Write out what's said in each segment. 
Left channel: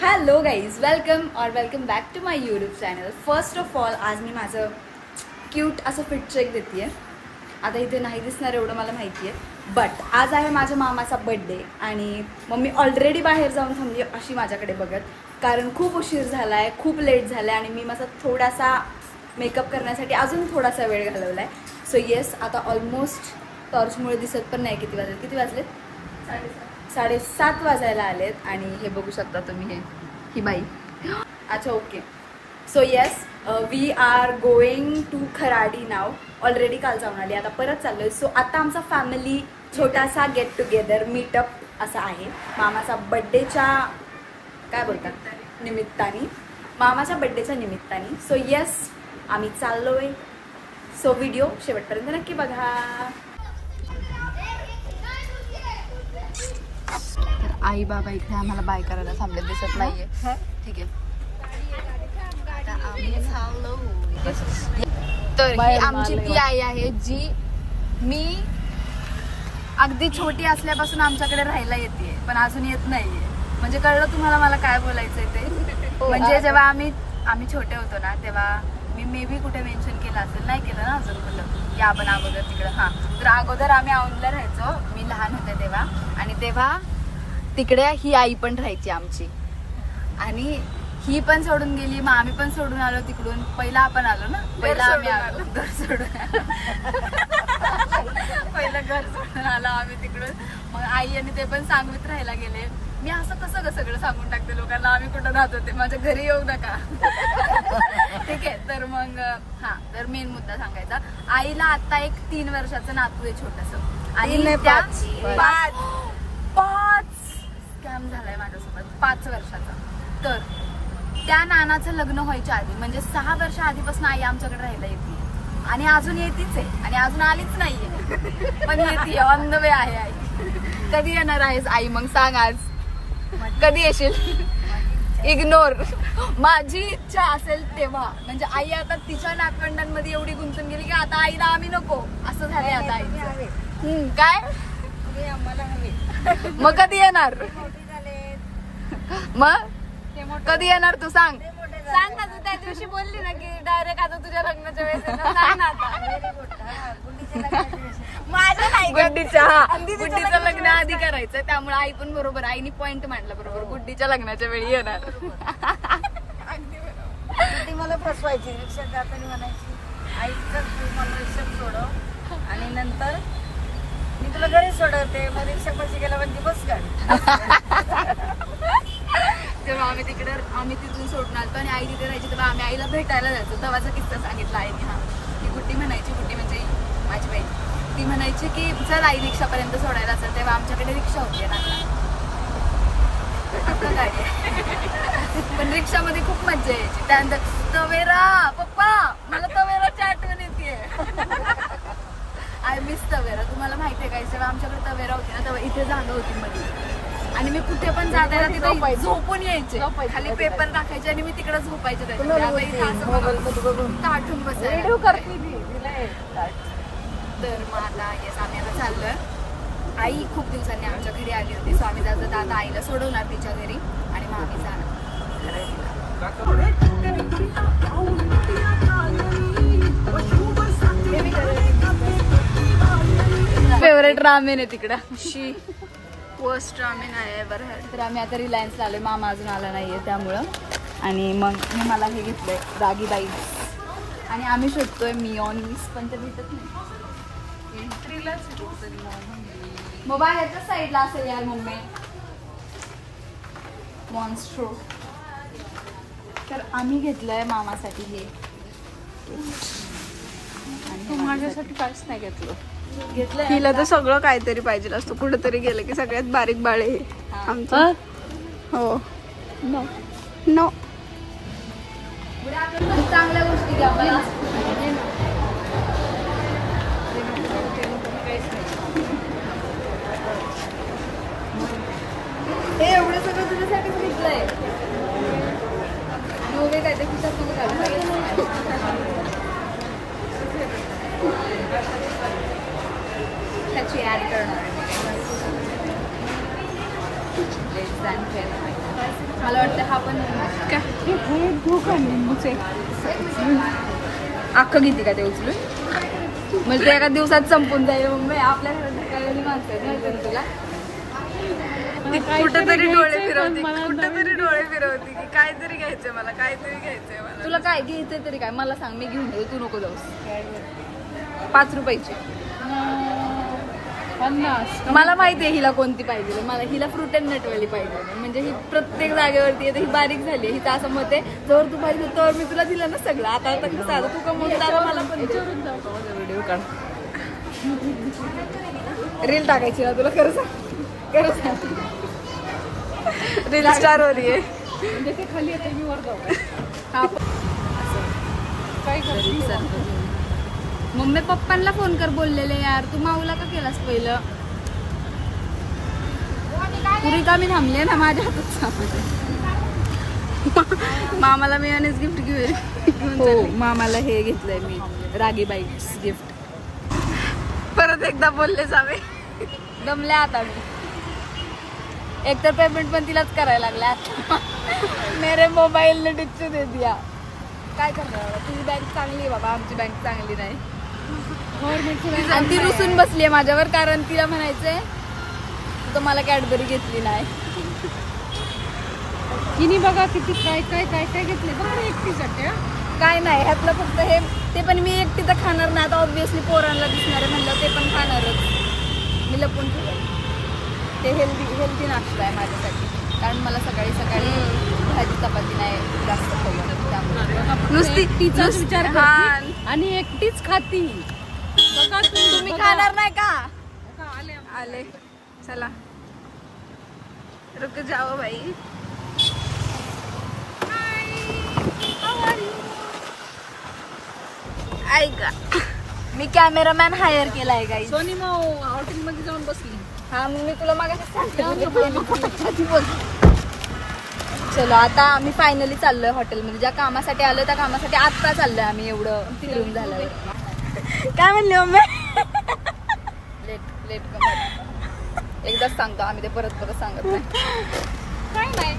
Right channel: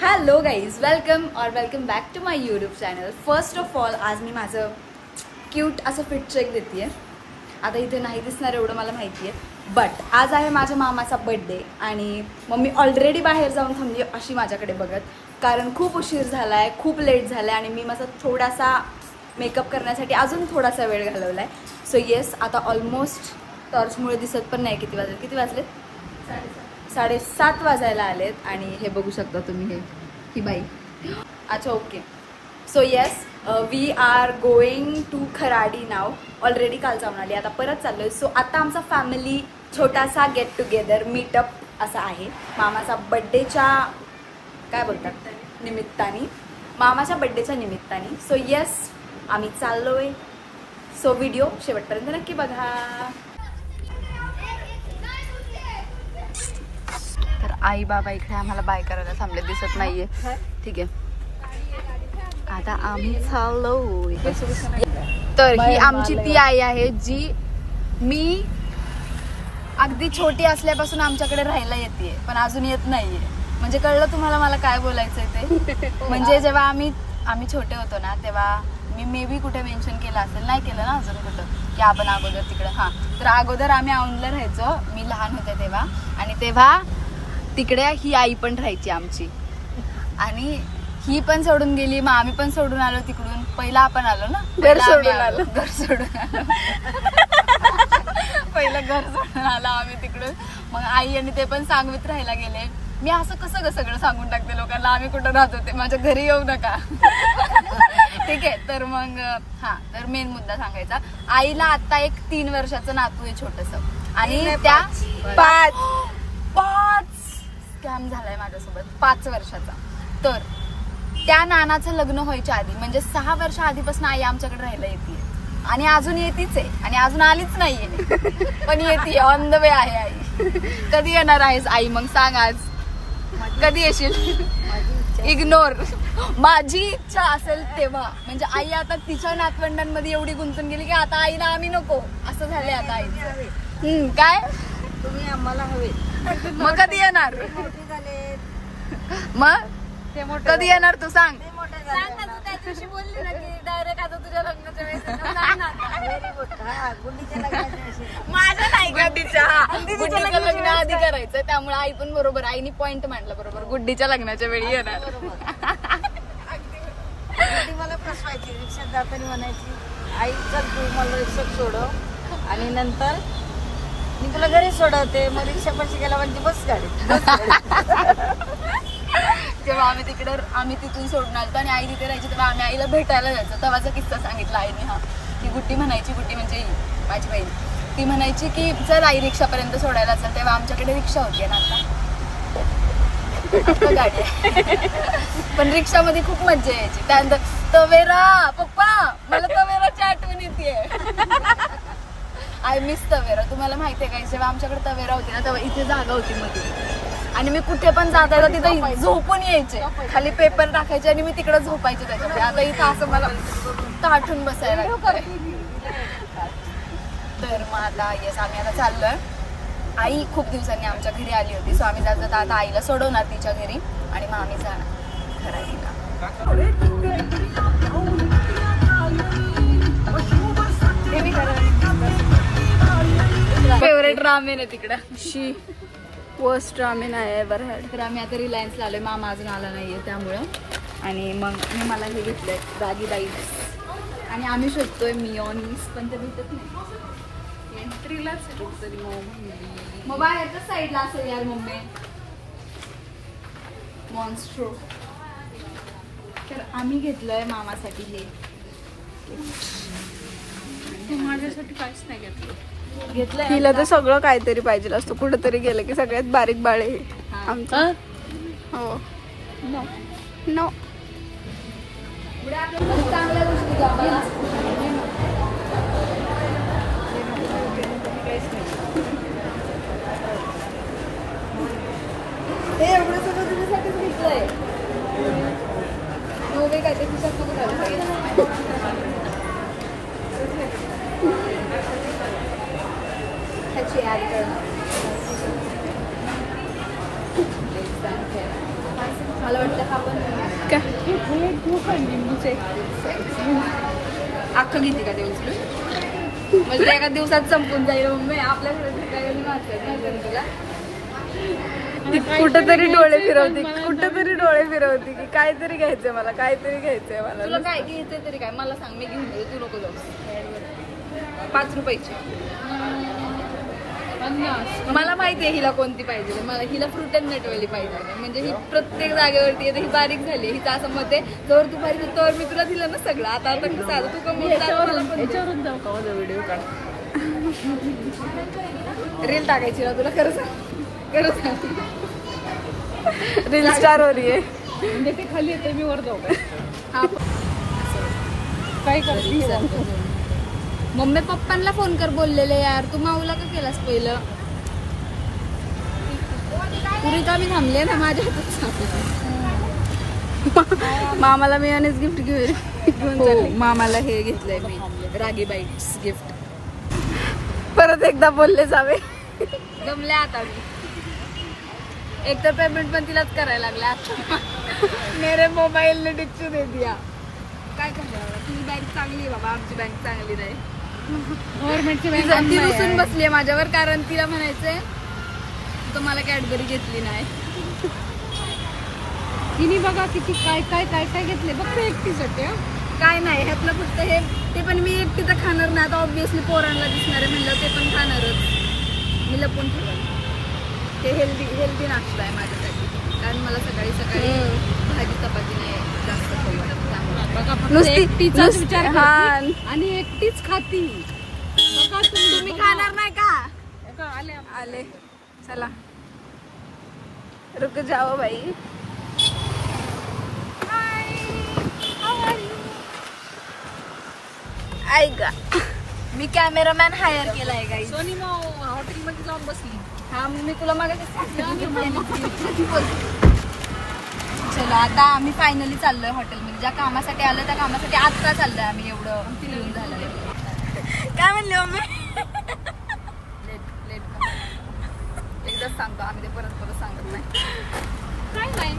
Hello guys, welcome back to my YouTube channel. First of all आज मी माझं cute असं फिट चेक देते. आता इथे नाही दिसणार एवढं मला माहिती आहे, बट आज आहे माझ्या मामाचा बर्थडे आणि मम्मी ऑलरेडी बाहेर जाऊन थांबली अशी माझ्याकडे बघत, कारण खूप उशीर झाला आहे, खूप लेट झाला आहे आणि मी माझा थोडासा मेकअप करण्यासाठी अजून थोडासा वेळ घालवला आहे. सो येस, आता ऑलमोस्ट टॉर्चमुळे दिसत पण नाही किती वाजले 7:30 वाजायला आलेत आणि हे बघू शकता तुम्ही, ही बाई. अच्छा, okay. So yes, we are going to Kharadi नाव. ऑलरेडी काल जाऊन आली, आता परत चाललोय. सो आता आमचा फॅमिली छोटासा गेट टुगेदर मीटअप असा आहे मामाचा बड्डेच्या काय बोलतात निमित्ताने, मामाच्या बड्डेच्या निमित्ताने. सो येस, आम्ही चाललोय. सो व्हिडिओ शेवटपर्यंत नक्की बघा. आई बाबा इकडे आम्हाला बाय करायला थांबले, दिसत नाहीये. ठीक आहे, आता आम्ही चाललो. तर ही आमची ती आई आहे जी मी अगदी छोटी असल्यापासून आमच्याकडे राहायला येते, पण अजून येत नाहीये. म्हणजे कळलं तुम्हाला मला काय बोलायचंय ते? म्हणजे जेव्हा आम्ही छोटे होतो ना, तेव्हा मी मे बी कुठे मेन्शन केलं असेल, नाही केलं ना अजून कुठं, की आपण अगोदर तिकडं. हां, तर अगोदर आम्ही औंधला राहायचो, मी लहान होते तेव्हा. आणि तेव्हा तिकडे ही आई पण राहायची आमची, आणि ही पण सोडून गेली, मग आम्ही पण सोडून आलो तिकडून. पहिला आपण आलो ना, पहिला आम्ही आलो, घर सोडून आलो. पहिलं घर सोडून आलो आम्ही तिकडून. मग आई आणि ते पण सांगवीत राहायला गेले. मी असं कसं सगळं सांगून टाकते लोकांना आम्ही कुठं राहत होते, माझ्या घरी येऊ नका. ठीक आहे, तर मग हा, तर मेन मुद्दा सांगायचा. आईला आता एक 3 वर्षाचं नातू आहे छोटस, आणि त्या 5 स्कॅम झालाय माझ्यासोबत 5 वर्षाचा. तर त्या नानाचं लग्न व्हायच्या आधी, म्हणजे 6 वर्ष आधीपासून आई आमच्याकडे राहायला येते, आणि अजून येतीच आहे, आणि अजून आलीच नाहीये, पण येते, ऑन द वे आहे आई. कधी येणार आहेस आई? मग सांग आज कधी येशील? इग्नोर. माझी इच्छा असेल तेव्हा. म्हणजे आई आता तिच्या नातवंडांमध्ये एवढी गुंतून गेली की आता आईला आम्ही नको, असं झालंय आता आईचं. काय तुम्ही आम्हाला हवे, मग कधी येणार? मग कधी येणार तू सांग? त्या दिवशी बोलली ना की डायरेक्ट आता तुझ्या लग्नाच्या वेळेस माझं नाही, गुड्डीचं लग्न आधी करायचं, त्यामुळे आई पण बरोबर, आईनी पॉइंट मांडला बरोबर, गुड्डीच्या लग्नाच्या वेळी येणार. मला फसवायची, रिक्षात जाताना म्हणायची आई चल तू मला रिक्षात सोडव आणि नंतर मी तुला घरी सोडवते. मग रिक्षा पैसे गेला म्हणजे बस गाडी. जेव्हा आम्ही तिथून सोडून आलो आणि आई तिथे राहायची, तेव्हा आम्ही आईला भेटायला जायचो. तेव्हाचा किस्सा सांगितला आईने. हा, ती गुड्डी म्हणायची, गुड्डी म्हणजे माझी बहीण, ती म्हणायची की चल आई रिक्षापर्यंत सोडायला चल. तेव्हा आमच्याकडे रिक्षा होती ना, आता गाडी आहे. पण रिक्षामध्ये खूप मजा यायची. त्यानंतर तवेरा, पप्पा मला तवेराची आठवण येते. I miss Tavera. तुम्हाला माहिती आहे का, जेव्हा आमच्याकडे तवेरा होती ना, तेव्हा इथे जागा होती मध्ये, आणि मी कुठे पण जातायला तिथं झोपून यायचे, खाली पेपर टाकायचे आणि मी तिकडे झोपायचे त्याच्यामध्ये. आता इथं असं मला ताठून बसायला. तर मग आता येस, आम्ही आता चाललोय. आई खूप दिवसांनी आमच्या घरी आली होती, सो आम्ही जात आता आईला सोडवणार तिच्या घरी, आणि मग आम्ही जाणार करायला. फेवरेट रामेन आहे तिकडे, शी वर्स्ट रामेन आहे बरं. तर आम्ही आता रिलायन्सला आलोय, मामा अजून आला नाहीये त्यामुळं. आणि मग मी मला हे घेतलंय रागी बाई, आणि आम्ही शोधतोय मिओनीज, पण ते भेटत नाही. मग बाहेरच्या साईडला असेल यार मम्मी, मॉन्स्ट्रो. तर आम्ही घेतलंय मामासाठी हे. माझ्यासाठी काहीच नाही घेतलं. तिला तर सगळं काहीतरी पाहिजे असतं, कुठेतरी गेलं की सगळ्यात बारीक बाळे आमचं. हो, नो चांगल्या गोष्टी घ्या. हे एवढं सगळं तुझ्यासाठी घेतलंय. नोवे काय ते खिशात नको घालू. त्याची ऍड करणार. मला वाटतं हा पण काय अख्खं घेते का ते उचलून म्हणजे एका दिवसात संपून जाईल मम्मी आपल्या तुला कुठेतरी डोळे फिरवती की काहीतरी घ्यायचंय मला, काहीतरी घ्यायचंय मला. तुला काय घ्यायचंय तरी काय मला सांग, मी घेऊन जाईल, तू नको जाऊस. 5 रुपयाची. मला माहितीये हिला कोणती पाहिजे, मला हिला फ्रूट अँड नटवाली पाहिजे. म्हणजे ही प्रत्येक जागेवरती येते, ही बारीक झाली. हिचं असं मत आहे जर तू पाहिजे तर मी तुला दिलं ना सगळं. आता कसं आता तू कमवून मला पण व्हिडिओ काढ, रील टाकायची ना तुला. खरं सांग रील स्टार हो रही है. म्हणजे ते खाली येते मी वर जाऊ. काय मम्मी पप्पांना फोन कर बोललेले यार, तू माऊला का केलास पहिलं? तू रिकामी थांबले ना माझ्या हातात सामान. मामाला मी अनेच गिफ्ट घेऊन चालले. मामाला हे घेतलंय मी, रागी बाईट्स गिफ्ट. परत एकदा बोलले जावे. दमले आता मी. एकतर पेमेंट पण तिलाच करायला लागला. मेरे मोबाईल ने डिच्चू दे दिया. काय करणार, तुझी बँक चांगली आहे बाबा, आमची बँक चांगली नाही. गव्हर्नमेंटची बँक ती रुसून बसली आहे माझ्यावर, कारण तिला म्हणायचंय तर मला कॅडबरी घेतली नाही. तिने बघा किती काय काय काय काय घेतले बघा एकटीसाठी. काय नाही ह्यातलं फक्त हे, ते पण मी एकटी तर खाणार नाही. आता ऑब्विसली पोरांना दिसणार आहे म्हणलं ते पण खाणारच. मी लपून ते हेल्दी नाश्ता आहे माझ्यासाठी, कारण मला सकाळी भाजी चपाती नाही जास्त नुसती विचार आणि एकटीच खाती. बघा तुम्ही खाणार नाही का? आले चला, रुक जाओ भाई. ऐका मी कॅमेरामॅन हायर केलाय काय. सोनी मग हॉटेलमध्ये जाऊन बसली. हा मग मी तुला मागे चलो आता आम्ही फायनली चाललोय हॉटेलमध्ये. ज्या कामासाठी आलोय त्या कामासाठी आत्ता चाललोय आम्ही. एवढं फिरून झालंय. काय म्हणले मम्मी? लेट एकदाच सांगतो आम्ही, ते परत सांगत नाही. काय नाही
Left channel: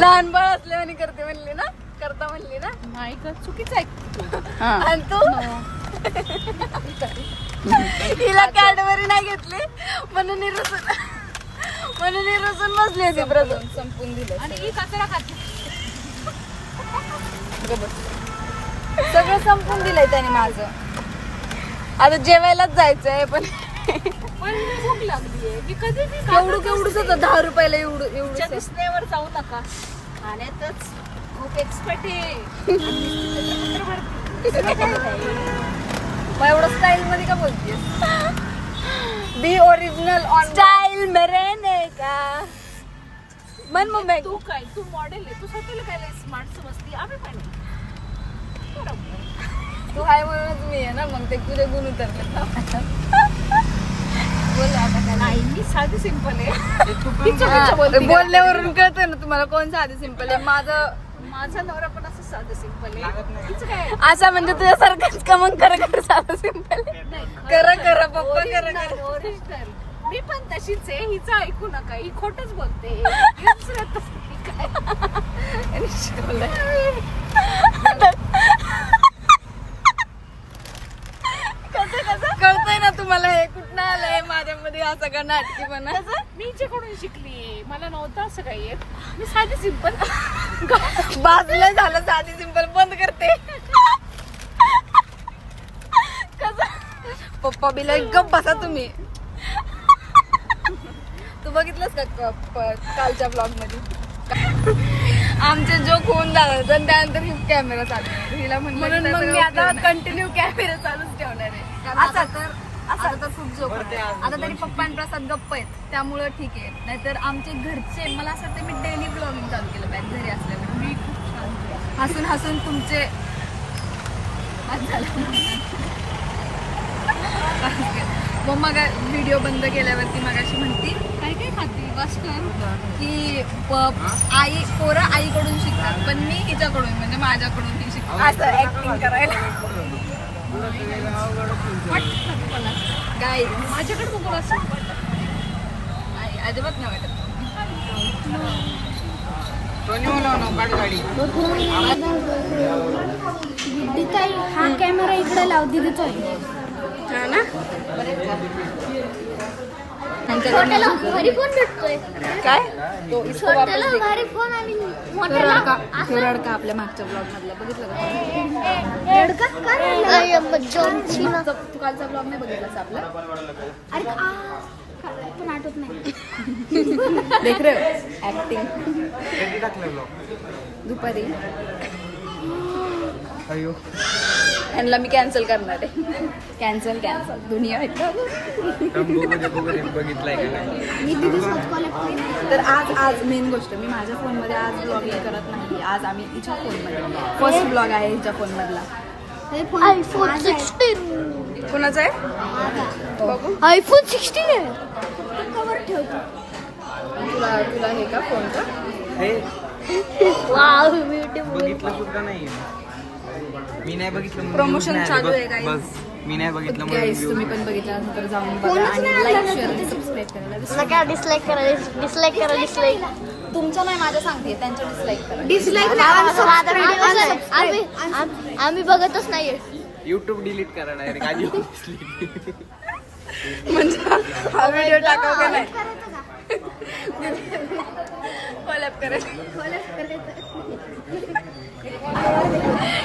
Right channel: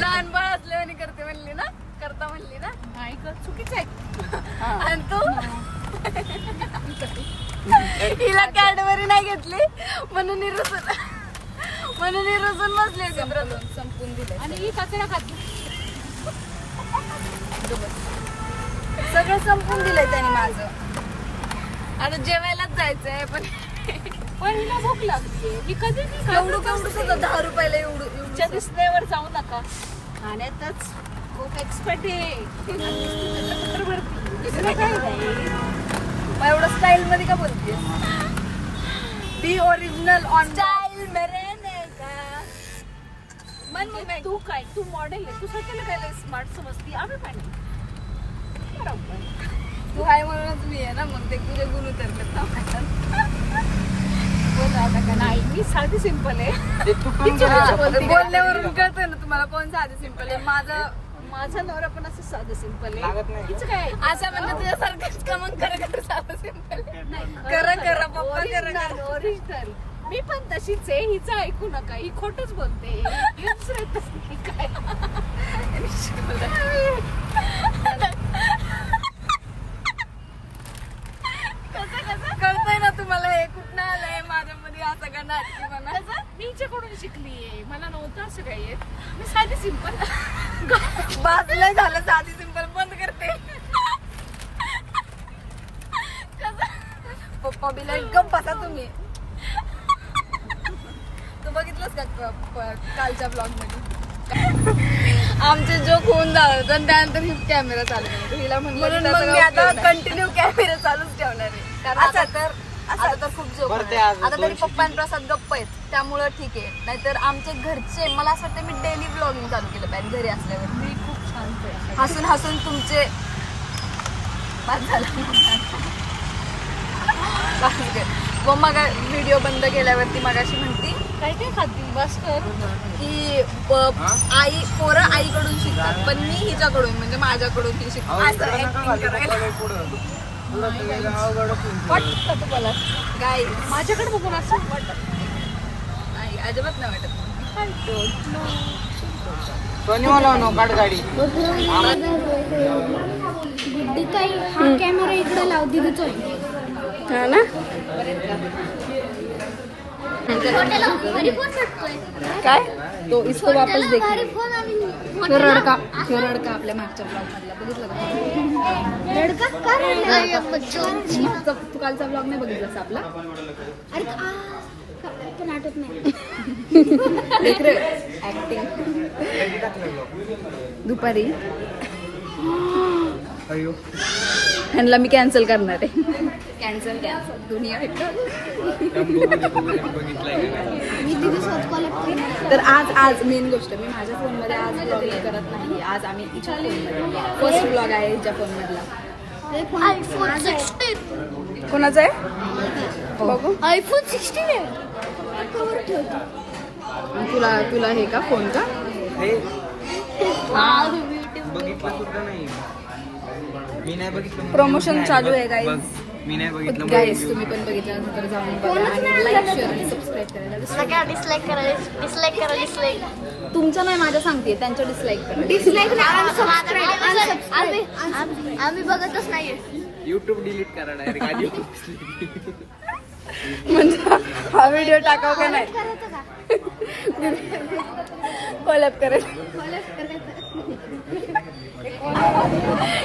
लहान बाळ असल्याने करते म्हणली ना, करता म्हणली ना. नाही चुकीचं आहे. आणि तू हिला कॅडबरी नाही घेतली म्हणून रुसून बसली होती. संपून दिलं आणि ही कचरा खाते. सगळं संपून दिलंय त्याने माझं. आता जेवायलाच जायचंय पण हिला भूक लागलीये. मी कधी केवढं सुद्धा 10 रुपयाला एवढं दिसण्यावर जाऊ नका. खाण्यातच खूप एक्सपर्ट आहे. काय नाही. मग एवढं स्टाईल मध्ये का बोलतेस? बी ओरिजिनल ऑन स्टाईल मेरे ने का. मन मग तू काय, तू मॉडेल आहे, तू स्वतःला काय स्मार्ट समजती. आम्ही पण तू हाय म्हणूनच मी आहे ना, मग ते तुझे गुण उतरतात. नाही मी साधी सिंपल आहे. बोलण्यावरून कळतंय ना तुम्हाला कोण साधी सिंपल आहे. माझा नवरा पण असं साधं सिंपल आहे. तिचं काय असा म्हणजे तुझ्यासारखंच का मग कर साधं सिंपल. नाही करा पप्पा करा. ओरिजिनल मी पण तशीच आहे. हिचं ऐकू नका, ही खोटच बोलते. काय कळतंय ना तुम्हाला हे कुठं आलंय माझ्यामध्ये असं का नाटकीपणा. मी हिच्याकडून शिकली. मला नव्हतं असं काही येत. मी साधी सिंपल. बाजलं झालं साधी सिंपल बंद करते. पप्पा बिला एकदम बसा तुम्ही. तू बघितलंस का कालच्या ब्लॉग मध्ये आमचे जोक होऊन जावं आणि त्यानंतर ही कॅमेरा चालू हिला म्हणून मग मी आता कंटिन्यू कॅमेरा चालूच ठेवणार आहे. आता तर खूप जोक आता तरी पप्पा आणि प्रसाद गप्प आहेत त्यामुळं ठीक आहे. नाहीतर आमचे घरचे, मला असं वाटतं मी डेली ब्लॉगिंग चालू केलं पाहिजे घरी असल्यावर. मी खूप छान हसून हसून तुमचे मग मग व्हिडिओ बंद केल्यावरती मगाशी म्हणती काय काय खाती बस कर की पोरं आईकडून शिकतात, पण मी हिच्याकडून म्हणजे माझ्याकडून ही शिकते असं ऍक्टिंग करायला. वाटत तुम्हाला गाय माझ्याकडे बघून असं वाटत नाही, अजिबात नाही वाटत. हा कॅमेरा इकडे लाव दिदीचा आहे. हा ना काय तो इसको वापस देख. तो रडका आपल्या मागच्या ब्लॉग मधला बघितलं का? तू कालचा ब्लॉग नाही बघितलास आपला? अरे पण आठवत नाही. देख रे ऍक्टिंग दुपारी. ह्यांना मी कॅन्सल करणार आहे. कॅन्सल दुनिया मी दिवसात कॉलेक्ट करणार. तर आज मेन गोष्ट मी माझ्या फोनमध्ये आज ब्लॉग करत नाही. आज आम्ही हिच्या फोनमध्ये फर्स्ट ब्लॉग आहे हिच्या फोन मधला. आयफोन 16 कोणाचा आहे बघू. आयफोन 16 आहे. कवर ठेवतो. तुला हे का फोन का? वाव मी नाही बघितलं. प्रमोशन चालू आहे गाईज. मी नाही बघितलं. गाईज तुम्ही पण बघितलं तर जाऊन बघा आणि लाईक शेअर आणि सबस्क्राईब करायला. डिसलाईक करा. तुमच्या नाही माझ्या सांगते त्यांच्या डिसलाईक करा. आम्ही बघतच नाहीये. युट्यूब डिलीट करा डायरेक्ट. म्हणजे हा व्हिडिओ टाकाव का नाही कोलॅब करायचं.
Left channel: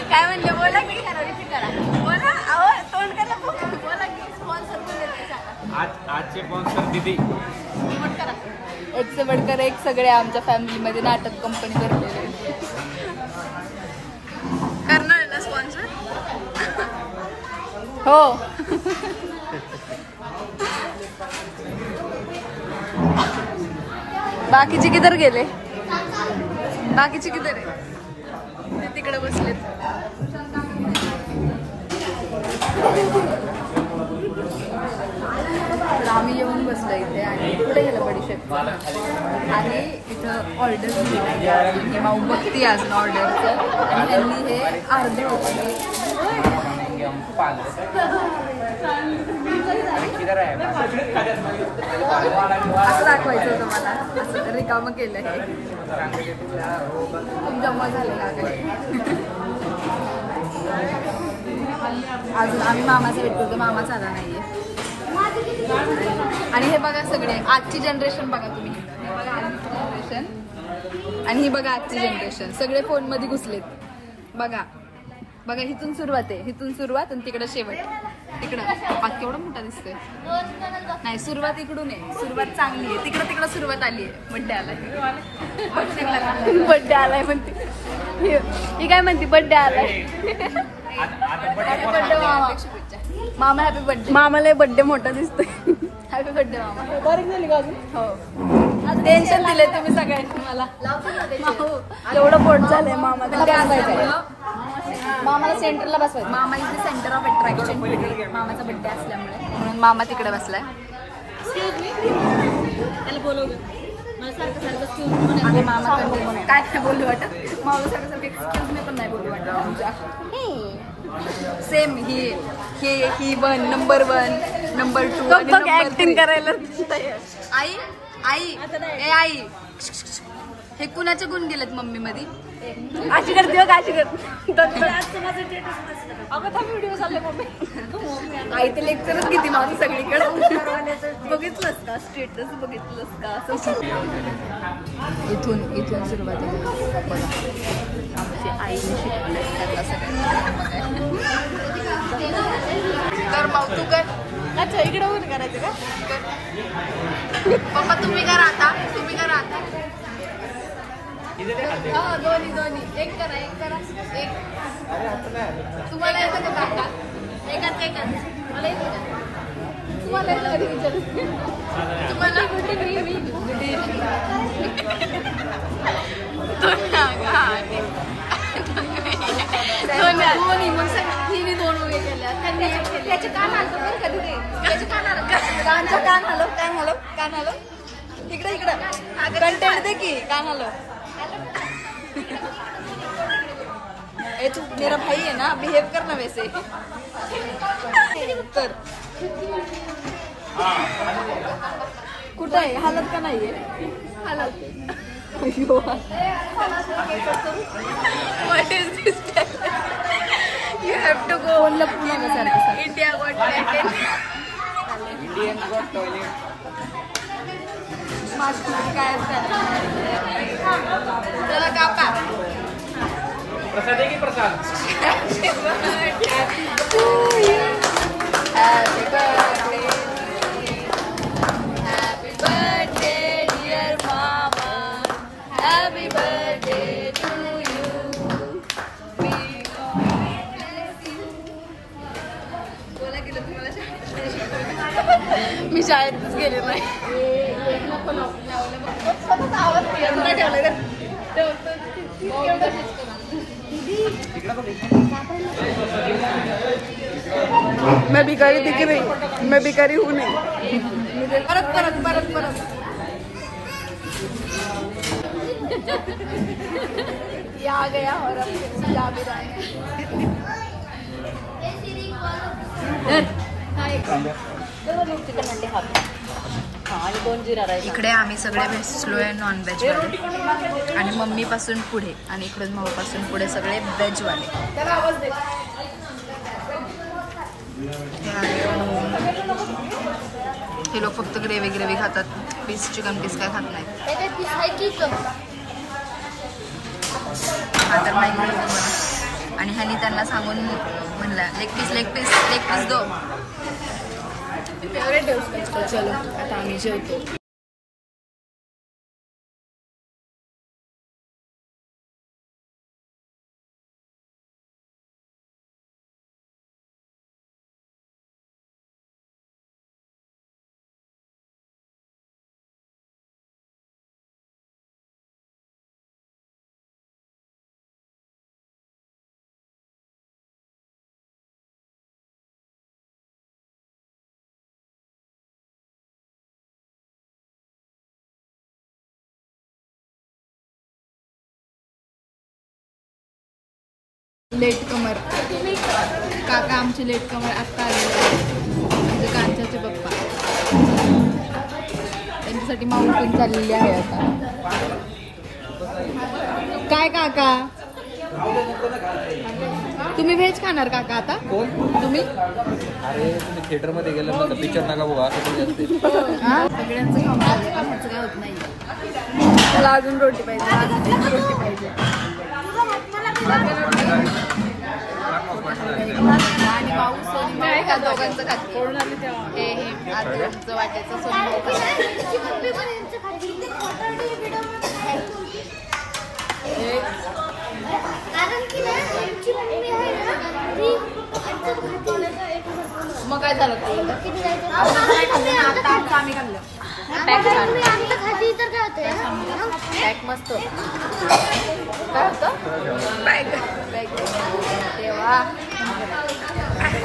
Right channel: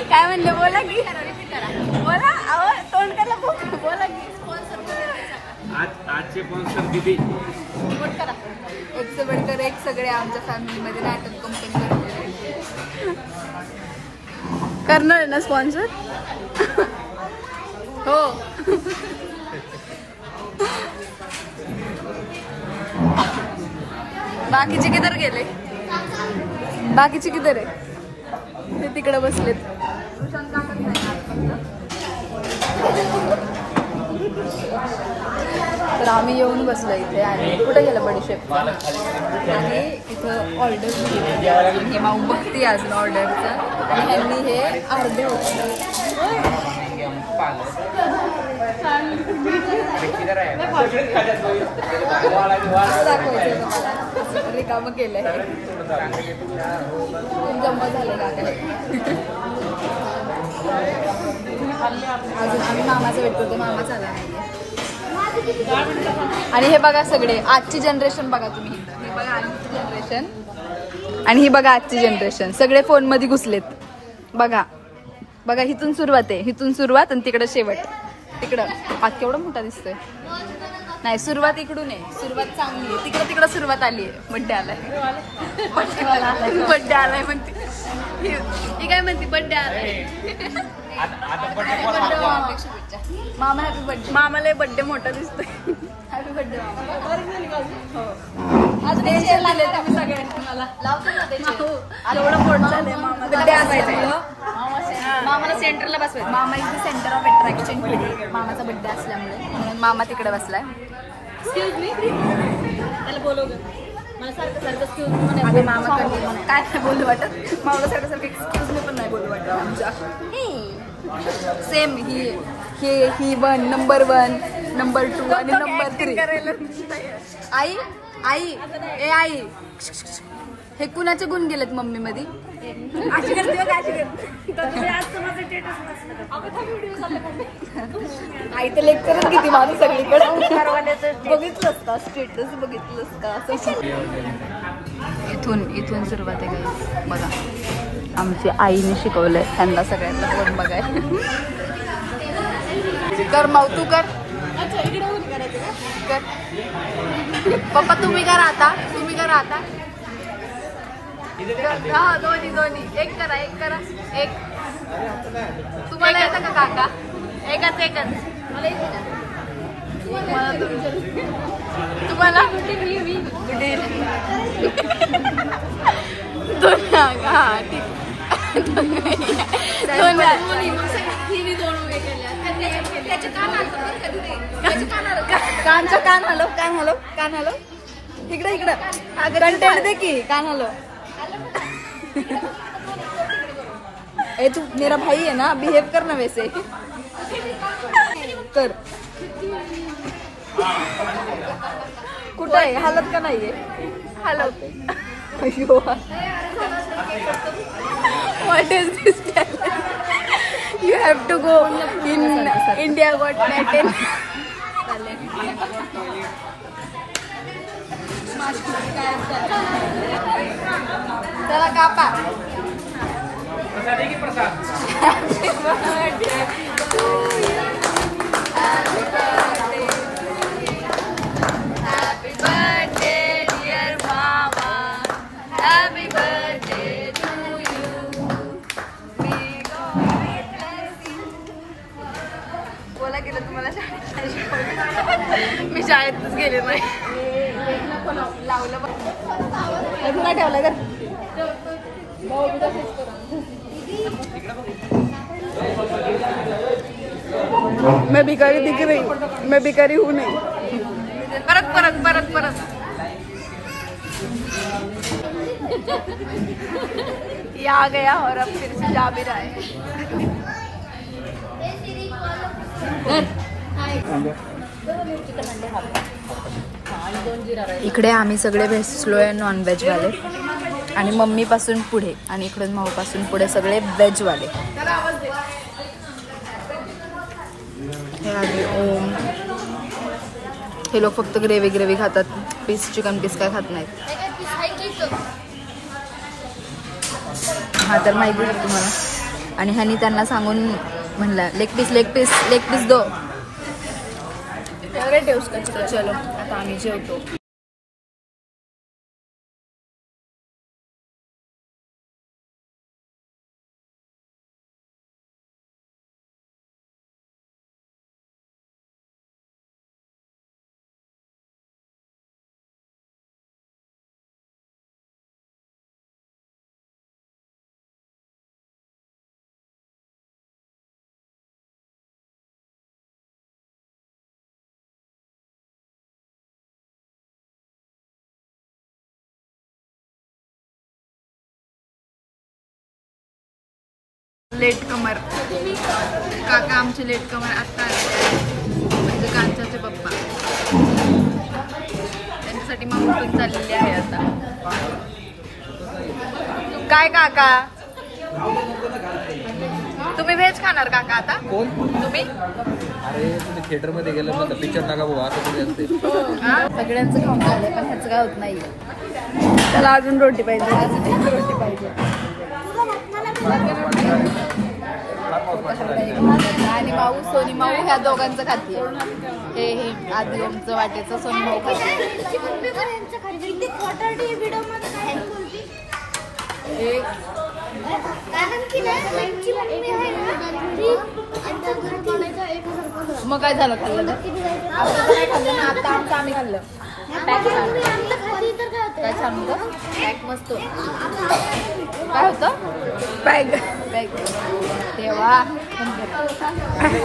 काय म्हणले बोला की बोला. अहो तोंड करा बोला की. आजचे स्पॉन्सर दीदी. एक से बढ़कर एक सगळे आमच्या फॅमिलीमध्ये नाटक कंपनी करणार ना स्पॉन्सर. हो. बाकीचे किधर गेले. बाकीचे किधर तिकडे बसले. तर आम्ही येऊन बसलो इथे आणि कुठे गेलं बडीशेप आणि इथं ऑर्डर दिली नाही अजून. ही माऊ बघते अजून ऑर्डरचं आणि ह्यांनी हे अर्ध होतं. असं दाखवायचं होतं मला. असं रिकामं केलं हे. जमा झालं का हे. अजून आम्ही मामाचा वेट करतो. मामाचा आला नाहीये. आणि हे बघा सगळे आजची जनरेशन बघा तुम्ही. हे बघा आजची जनरेशन आणि ही बघा आजची जनरेशन. सगळे फोन मध्ये घुसलेत. बघा बघा इथून सुरुवात आहे. इथून सुरुवात आणि तिकडे शेवट. तिकडं हात केवढा मोठा दिसतोय. नाही सुरुवात इकडून आहे. सुरुवात चांगली आहे. तिकडं सुरुवात आली आहे. बड्डे आलाय. बड्डे आलाय म्हणते. ती काय म्हणते बड्डे आलाय. मामा हॅपी बर्थडे. मामाला बर्थडे मोठा दिसतोय. Happy birthday. बारीक झाली का अजून. टेन्शन दिले तुम्ही सगळ्यांनी मला. लावतो ना त्याचे. एवढं फोन झालंय मामा. बड्डे असायचा. मामाला सेंटरला बसवायचं. मामा इथे सेंटर ऑफ अट्रॅक्शन पिढी. मामाचा बड्डे असल्यामुळे म्हणून मामा तिकडे बसलाय. आता मामा काय नाही बोलू वाटत. मामाला सारखं एक्सक्यूज मी पण नाही बोलू वाटत आमच्या. सेम ही 1 नंबर 1 नंबर 2 आणि नंबर 3 करायला. आई हे कुणाचे गुण गेलेत मम्मी मध्ये. अशी करते का अशी करते. आई तर लेक्चरच किती माझं सगळीकडे. बघितलंस का स्टेटस बघितलंस का. इथून सुरुवात आहे बघा. आमची आईने शिकवलंय त्यांना सगळ्यांना बघायला. कर माऊ तू कर. अच्छा इकडे वर करायचं का. कर पप्पा तुम्ही करा आता. हा दोन्ही एक करा एक. तुम्हाला येतं का काका. एकच तुम्हाला कान हलो इकडे कंटेंट दे की. कान हलो. ए तू मेरा भाई है ना. बिहेव करना वैसे. कर. कुठे हालत का नाही. Hello What is this? You have to go India Got Talent. चला कापा. प्रसाद आहे की प्रसाद? Happy birthday to you. Happy birthday to you. Happy birthday dear mama. Happy birthday to you. May God bless you. बोला गेलं तुम्हाला शाळेत. मी शाळेतच गेले नाही. लावलं बघ. ठेवलं का? मैं भिखारी दिख रही, मैं भिखारी हूँ नहीं. परत परत परत परत. ये आ गया और अब फिर से जा भी रहा है. इकडे आम्ही सगळे बसलोय नॉनव्हेज वाले आणि मम्मी पासून पुढे आणि इकडून भाऊ पासून पुढे सगळे व्हेज वाले. हे लोक फक्त ग्रेव्ही खातात. पीस चिकन पीस काय खात नाहीत. हा तर माहिती आहे तुम्हाला. आणि ह्यानी त्यांना सांगून म्हणला लेग पीस दो. तो चलो आता आम्ही जेवतो. लेट कमर काका आमचे लेट कमर आता आले. म्हणजे कांचाचे पप्पा त्यांच्यासाठी माऊ पण चाललेली आहे आता. काय काका तुम्ही व्हेज खाणार काका आता? कोण तुम्ही? अरे तुम्ही थिएटर मध्ये गेलं ना पिक्चर नका बघा असं तुम्ही असते. सगळ्यांचं खाऊन झालंय पण ह्याचं काय होत नाही. अजून रोटी पाहिजे. अजून एक रोटी पाहिजे. आणि पाऊस सोनी दोघांचं खाते. हे आमचं वाटायचं कारण की ना त्यांची मम्मी आहे ना ती एकदम खाती. मग काय झालं? आता काय खाल्लं ना? आता आमचं आम्ही खाल्लं. तुम्ही आमचं खाती तर काय सांगू? पॅक मस्त. काय होतं?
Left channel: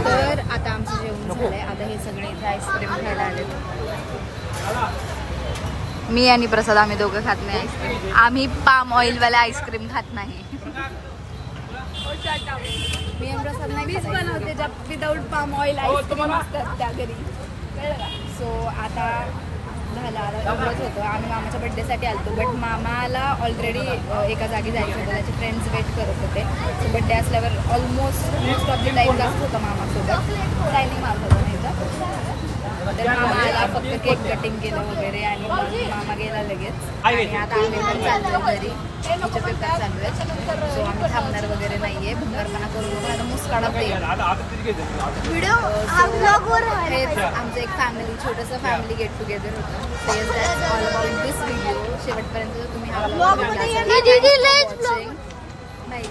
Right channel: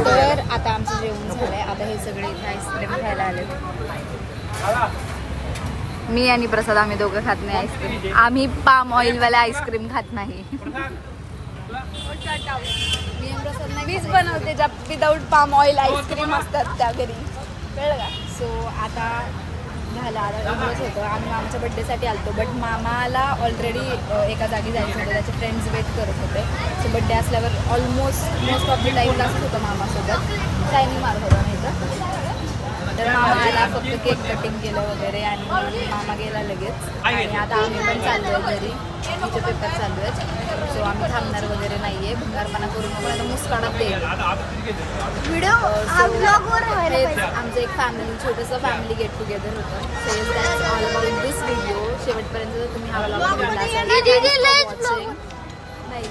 तर आता आमचं जेवण झालंय. आता हे सगळे इथे आईस्क्रीम खायला आले. मी आणि प्रसाद आम्ही दोघं खात नाही आईस्क्रीम. आम्ही पाम ऑइल वाला आईस्क्रीम खात नाही. मी आणि प्रसाद नाही बनवते ज्या विदाऊट पाम ऑइल आईस्क्रीम असतात त्या घरी. सो आता झालं. आता एवढंच होतं. आम्ही मामाच्या बड्डेसाठी आलतो बट मामाला ऑलरेडी एका जागी जायचं होतं. त्याचे फ्रेंड्स वेट करत होते. सो बड्डे असल्यावर मोस्ट ऑफ द टाईम जास्त होतं मामासोबत. शायनिंग मारत होतं नाही तर मामा आला. फक्त केक कटिंग केलं वगैरे आणि मामा गेला लगेच. आणि आता आम्ही पण चाललो आहे घरी. तिचे पेपर चालू आहेत. सो आम्ही थांबणार वगैरे नाहीये. भंगारपणा करू नको आता मुस्काडात देईल व्हिडिओ. आमचं एक फॅमिली छोटंसं फॅमिली गेट टुगेदर होतं. So yes that's all about this video. शेवटपर्यंत जर तुम्ही हा ब्लॉग बघितला असाल नाही